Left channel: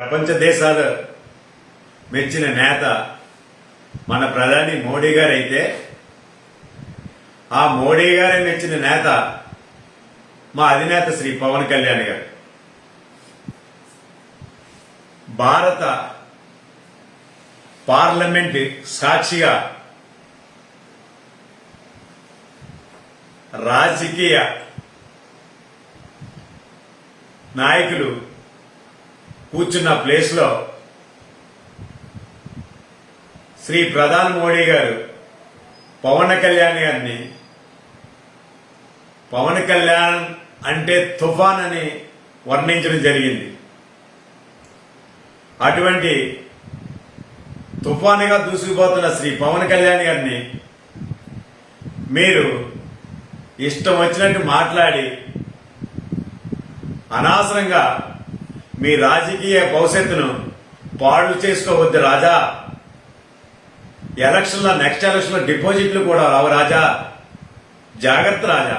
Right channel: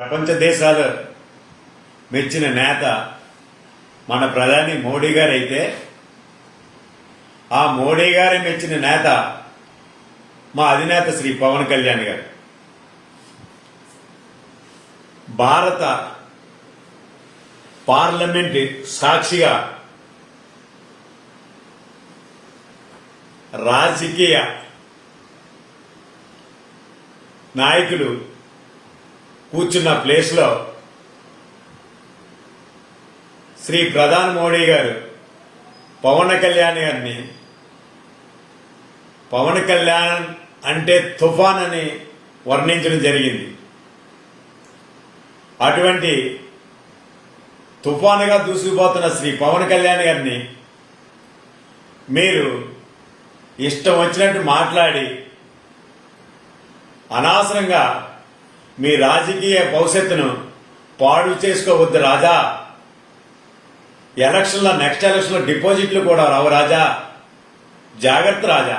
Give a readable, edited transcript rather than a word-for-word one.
ప్రపంచ దేశాలు మెచ్చిన నేత మన ప్రధాని మోడీ గారు అయితే ఆ మోడీ గారే మెచ్చిన నేత మా అధినేత శ్రీ పవన్ కళ్యాణ్ గారు. భారత పార్లమెంట్ సాక్షిగా రాజకీయ నాయకులు కూర్చున్న ప్లేస్ లో శ్రీ ప్రధాని మోడీ గారు పవన్ కళ్యాణ్ గారిని పవన్ కళ్యాణ్ అంటే తుఫాన్ అని వర్ణించడం జరిగింది. అటువంటి తుఫానుగా దూసుకుపోతున్న శ్రీ పవన్ కళ్యాణ్ గారిని మీరు ఇష్టం వచ్చినట్టు మాట్లాడి అనవసరంగా మీ రాజకీయ భవిష్యత్తును పాడు చేసుకోవద్దు రాజా. నెక్స్ట్ ఎలక్షన్ లో డిపాజిట్లు కూడా రావు రాజా. జాగ్రత్త రాజా.